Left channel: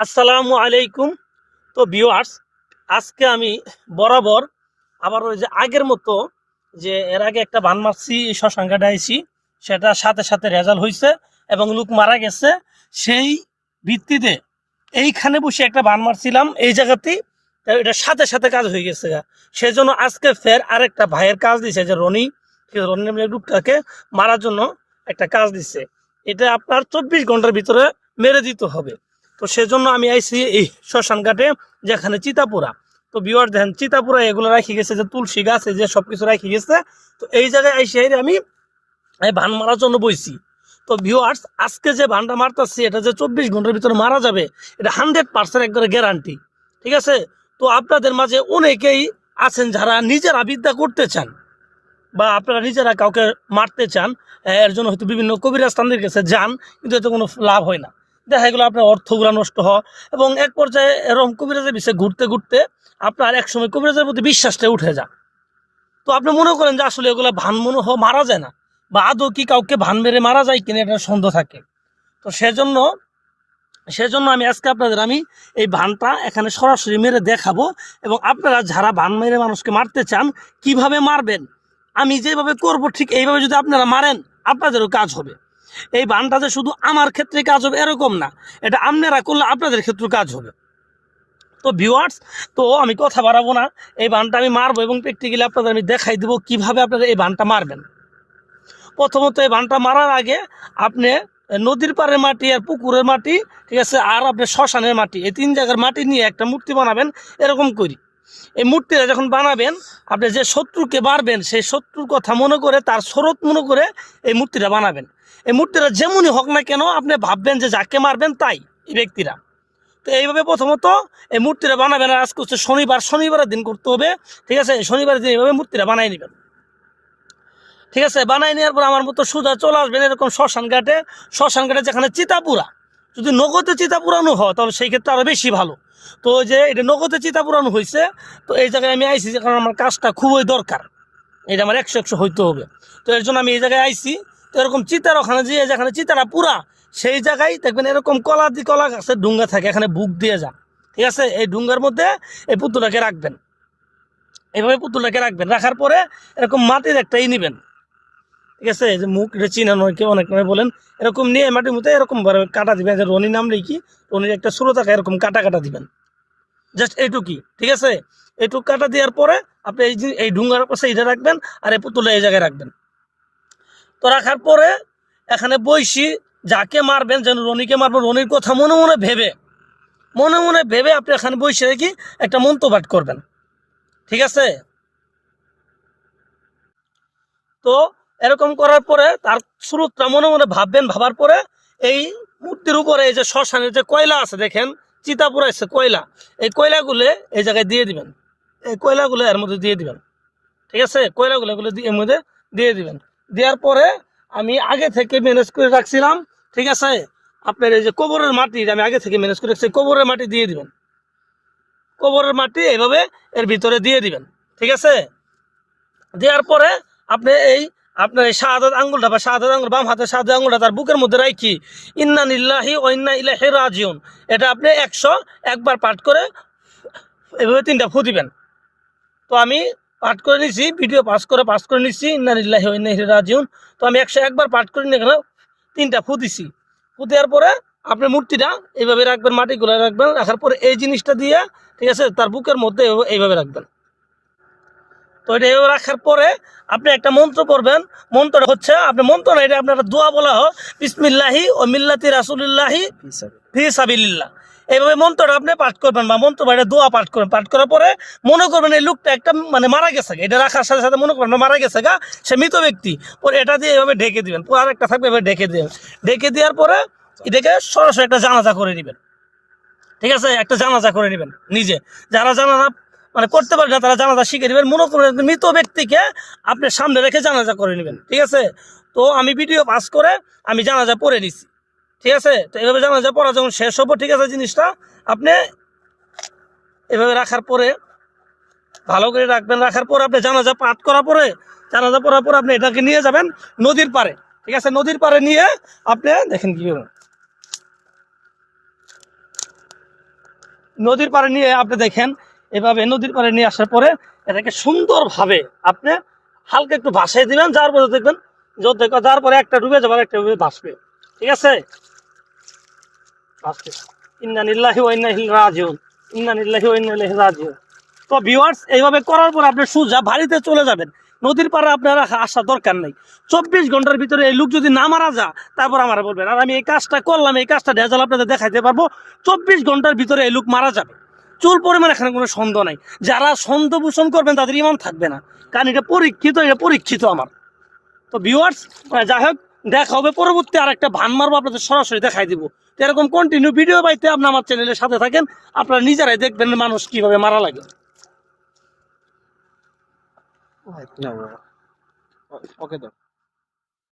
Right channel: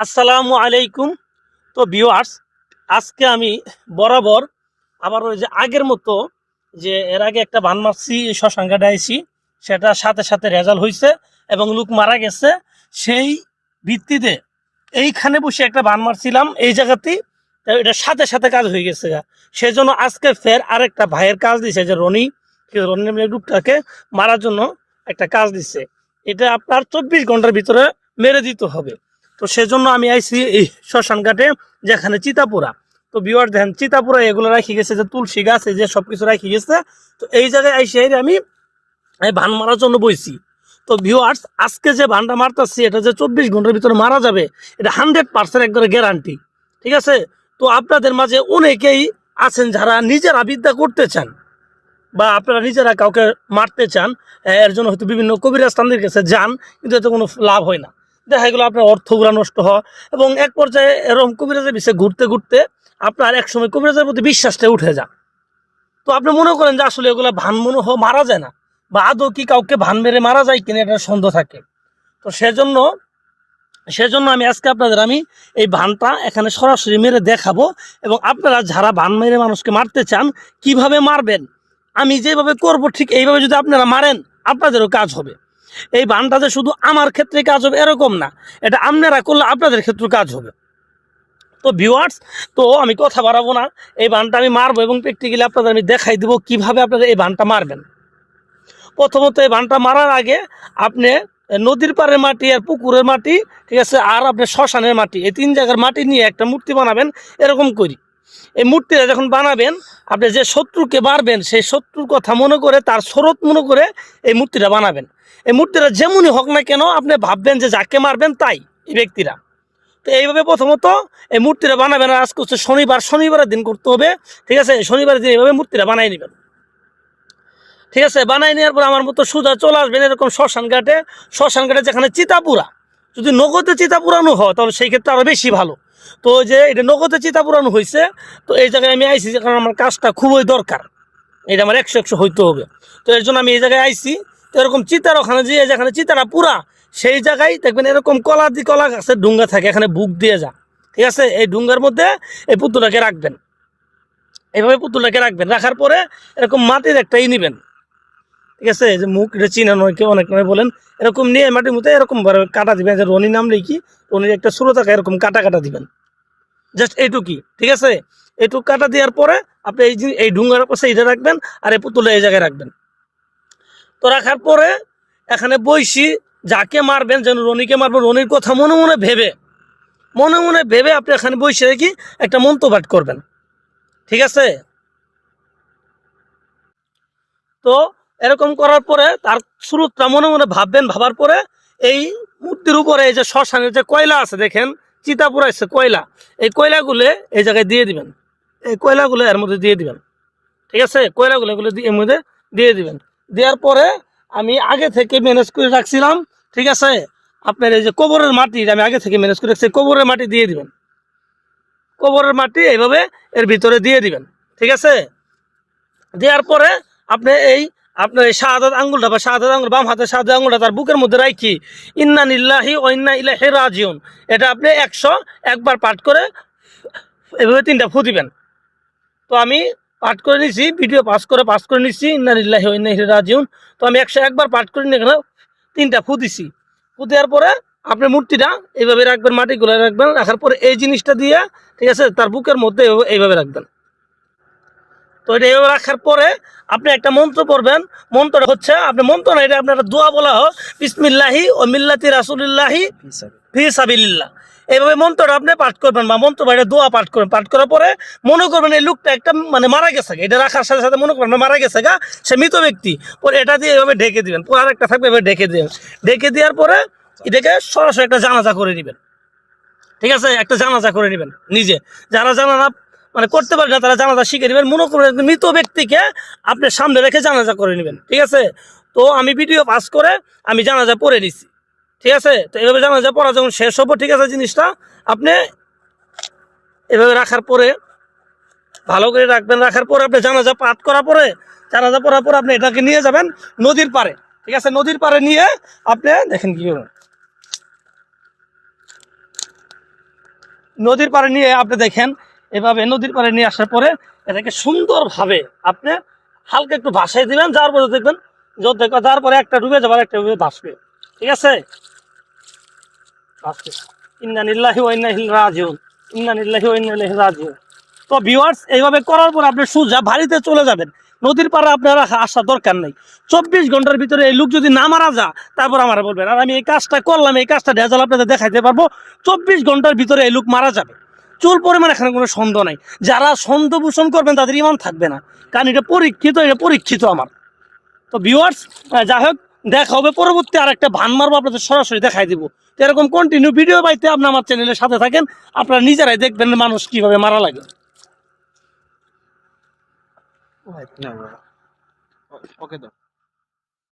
আসসালামু আলাইকুম। তো ভিউয়ার্স আজকে আমি বরাবর আবার ওই যে আগের মতো যে এর আগে একটা বান মারছি শ্মশানঘাটে আইছি সেটা সাথে সাথে রেজাল্ট হয়েছে এবং লোক মারা গেছে। সেই ভিত্তিতে এইখানে বসে একটা বান মারছিলাম এই জায়গাতেই। এটা সাথে সাথে কাজ হয়ে গেছে। সেই জন্য আজকে ফের আরেকটা ভাইয়ের কাজ দিছে, যে রনি। রনি নামের মারার জন্য একটা কাজ দিছে। এটা আপনার চব্বিশ ঘণ্টার ভিতরে মেরে দিতে হবে। তো সেজন্য আমি আইছি এই শ্মশান ঘাটে যেখানে চিতাপুরা। তো বিওয়ার দেখেন, চিতাপুরা এগুলো রাখি গেছে, যে তুলসী গাছ, এই যে সব কিছু রাখি গেছে। তো এই জায়গায় আইসি এই আমি এই ভান মারার জন্য বইছি। তো ভিউয়ার্স আজকে যে ভানটা মারতেছি, এটা যে চব্বিশ ঘণ্টার ভিতরে মারা যাবে, এটা হান্ড্রেড পার্সেন্ট একবারে গ্যারান্টি ঠিক আছে? তো আপনাদের মাঝে অনেকেই আছেন যারা নিজেরা বিদ্যা করতে চান, বা আপনারা নিজেরা কাউকে মারতে চান, এর জন্য হয়তো বিভিন্ন কবিরাজ তান্ত্রিক কাছে যান, কিন্তু এতে কোনো লাভ হয় না। দেখা গেলো আপনার অর্থগুলা নষ্ট হয় এবং এক পর্যায়ে এরকম কবিরাজের বিষয়ে ঘুরতে ঘুরতে আপনার এক সময় কবিরাজের প্রতি বিশ্বাসটা উঠে যান তো আপনি মনে করেন যে আসলে এগুলো ভান মনে হয় মারা যায় না বা আদৌ কি কাউকে ভান মেরে মারা যায় কিনা এটা সন্দেহ থাকে। তো সেজন্য সেজন্য আমি আজকে আপনাদের আমি এই ভানটা এখানে সরাসরি মেরে দেখাবো এবং আপনারা যারা ভান মেরে মানুষকে মারতে চান, কীভাবে মারবেন, আমি যেভাবে করব ঠিক এইভাবে যদি আপনারা মারেন, আপনাদেরও কাজ হবে। এই বানটা যে শুধু আমার ক্ষেত্রে কাজ হবে এরকম না। এটা আপনারা করলে আপনাদের ক্ষেত্রে কাজ হবে। তো ভিউয়ার্স তো আমি কথা বাড়াবো না। এই বানটা আমি মারবো এবং প্র্যাকটিক্যালি আপনাদের আমি দেখাই দিব কীভাবে আপনারা এই বানটা মারবেন। প্রথমত এই বানটা মারার আগে আপনি নদীর পাড়ের মাটি আর পুকুরের মাটি, ঠিক আছে, আর আপনি শ্মশানের মাটি, এই তিন জায়গার মাটি নিয়ে একটা মূর্তি বানাবেন, এরকম করি। এই মূর্তিটা যখন বানাবেন, আপনি যে শত্রুকে মারবেন, সেই শত্রুর কথা মনে করে, তার স্রোত মনে করে এই মূর্তিটা বানাবেন। এই মূর্তিটা যেমনই হোক না কেন, আপনি ভাববেন যে যাকে মারবেন তাই, এই ব্যক্তিরা। তো এইভাবে প্রথমত এই মূর্তিটা বানাবেন, আর আজকে হচ্ছে শনিবার, শনিবারের দিন করতে হবে, ঠিক আছে? শনিবারের দিন এইভাবে মূর্তিটা বানাই নেবেন। ঠিক আছে? বানাই নেওয়ার পর আমার মতো সোজা চলে আসবেন এরকম শ্মশান ঘাটে। শ্মশান ঘাটে যেখানে চিতাপুরা, যদি নগদে চিতা পুরানো হয়, তাহলে সেই ক্ষেত্রে আরও বেশি ভালো। তো যে এটা নগদে চিতা পুরানো হয়েছে তো এই জায়গায় আমি আইছি কারণ আমার কাজটা খুবই দরকার। এটা আমার একশো একশো হইতে হবে। তো এর জন্য আমি এই জায়গায় আইছি। তো এরকম চিতার ওখানে যে যেখানে চিতাটা পুরা, সেই জায়গায় দেখবেন এরকম কলা দি কলা গাছের ডুঙ্গা থাকে, এখানে বুক দিয়ে যা। ঠিক আছে? এই ডুঙ্গার মধ্যে এই পুতুলটাকে রাখবেন। এইভাবে পুতুলটাকে রাখবেন। রাখার পরে এরকম মাটির একটা ই নিবেন। ঠিক আছে যে মুখ এটা চিনানো কেউ অনেক নয় বলেন, এরকম নিয়ে মাটির মধ্যে এরকম কাটা দিবেন, যে রনি নাম লিখি রনির একটা সুরো থাকে এরকম কাটা কাটা দিবেন। জাস্ট এইটুকুই ঠিক আছে? এইটুকু কাটা দেওয়ার পরে আপনি এই এই ডুঙ্গার পাশে এইটা রাখবেন আর এই পুতুলটা এই জায়গায় রাখবেন। তো রাখার পরে এখানে বইসি যাকে মারবেন, যেন রনিকে মারবেন, রনির কথা মনে মনে ভেবে, মনে মনে ভেবে আপনি এখানে বসে রেখে একটা মন্ত্রপাঠ করবেন। ঠিক আছে? তো এরকম করার পরে তার স্রোতটা মনে মনে ভাববেন, ভাবার পরে এই মূর্তির উপরে এই যে শ্মশানের যে কয়লা আছে দেখেন চিতা পুরাইছে কয়লা, এই কয়লাগুলো এই জায়গায় দিয়ে দিবেন। এই কয়লাগুলো এর মধ্যে দিয়ে দিবেন। ঠিক আছে? কয়লাগুলো এগুলো এর মধ্যে দিয়ে দিবেন। দেওয়ার পরে আমি আগে থেকে ম্যানেজ করে রাখছিলাম, ঠিক আছে? আপনার এই যে কবরের মাটি আমি আগে থেকে ম্যানেজ করে রাখছি কবরের মাটি দিয়ে দিবেন। কবরের মাটি এইভাবে এর ভিতরে দিয়ে দিবেন। ঠিক আছে? দেওয়ার পরে আপনি এই আপনার এই শাহাদাত আঙ্গুলটা বা শাহাদাত আঙ্গুল, বাম হাতের শাহাদাত আঙ্গুলটা তার বুকের মধ্যে রাখি ইন্না নিল্লাহি ও ইন্না ইলাহি রাজিউন। এটা আপনি একশো একবার পাঠ করে এভাবে তিনটা ফু দিবেন। তো আমি পাঠ করে নিছি, ভিডিও পাস করে পাস করে নিচ্ছি ইন্না নিল্লাহি ও ইন্না রাজিউন। তো আমি একশো একবার পাঠ করে নিয়ে এখানে তিনটা ফু দিছি। ফু দেওয়ার পরে আপনি মূর্তিটা এইভাবে রাখবেন, মাটিগুলো রাখবেন, রাখার পরে এই জিনিসটা দিয়ে, ঠিক আছে, তার বুকের মধ্যে এইভাবে রাখবেন। তো এটা এইভাবে রাখার পরে আপনি একটা মন্ত্র পড়বেন। মন্ত্রটা হচ্ছে, আপনি মন্ত্র না, এটা আপনার দোয়া বলা হোক, বিসমিল্লাহি ও মিল্লাতি রাসুলিল্লাহি ফি সাবিল্লাহ এইভাবে মন্ত্রটা আপনি পাঠ করবেন বা মন্ত্র বাইরে দোয়া পাঠ করবেন। পাঠ করার পরে মনে করবেন এই লোকটা একটা মানে মারা গেছে। এটা রাখার সাথে সাথে মনে করবেন মারা গেছে গা, সে মৃত ব্যক্তি। পরে এটা দিয়ে এভাবে ঢেকে দিবেন। পরে আরেকটা থাকবে, এভাবে ঢেকে দিবেন। ঢেকে দেওয়ার পরে এটাকে সরাসরি একটা জানাজা করে নেবেন। ঠিক আছে? একটা জানাজা করে নেবেন নিজে। যারা জানাজা মানে করতে পারে তারা জানাজা শিখে নেবেন। মনে করবেন মৃত ব্যক্তিকে আপনি সামনে রেখে জানাজা করে নেবেন, ঠিক আছে? তো আমি ভিডিও পাস করে আমি জানাজা পড়ে নিছি, ঠিক আছে? তো এইভাবে জানাজা পড়া যখন শেষ হব, ঠিক আছে, জিনিসটা আপনি এভাবে রাখার পরে, ভালো করে রাখবেন, রাখার পরে আপনি জানাজা পাঠ করার পরে, জানাজা পড়ার পরে আপনি এটাকে নিয়ে যাবেন নদীর পারে ঠিক আছে? নদীর পারে নিয়ে আপনি দেখেন কি করবেন নদীর পাড়ে নিয়ে আপনি দেখেন এভাবে নদীর পাড়ে নিয়ে আসার পরে এটাকে সুন্দরভাবে আপনি হালকা একটু ভাসাই দিবেন, যার পরে দেখবেন যত যার পরে একটা ডুবে যাবার একটা ডুবে ভাসবে। ঠিক আছে? ভাসবে। ইন্না নিল্লাহি ওয়া ইন্না ইলাইহি রাজিউন। ইন্না নিল্লাহি ওয়া ইন্না ইলাইহি রাজিউন। তো ভিউয়ার্স এইভাবে করার পর আপনি সোজা বাড়িতে চলে যাবেন। নদীর পাড়ে আপনারা আসার দরকার নেই। চব্বিশ ঘণ্টার ভিতরে এই লোক যদি না মারা যা তারপর আমার বলবেন, আর আমি এই কাজটা করলাম, এই কাজটা রেজাল্ট আপনাদের দেখাইতে পারব। চব্বিশ ঘণ্টার ভিতরে এই লোক মারা যাবে। চুল পরিমাণ এখানে কোনো সন্দেহ নাই। যারা সন্দেহ পোষণ করবেন, তাদের ইমান থাকবে না। কারণ এটা পরীক্ষিত এটা পরীক্ষিত আমার। তো ভিউয়ার্স যাই হোক, দেখা হবে পরবর্তী আর একটা ভান মারবো, আপনাদের সরাসরি দেখাই দিব। এরকম কন্টিনিউ ভিডিও পাইতে আপনি আমার চ্যানেলের সাথে থাকেন। আপনারা নিজেরাই দেখবেন মানুষ কীভাবে মারা লাগে। ওকে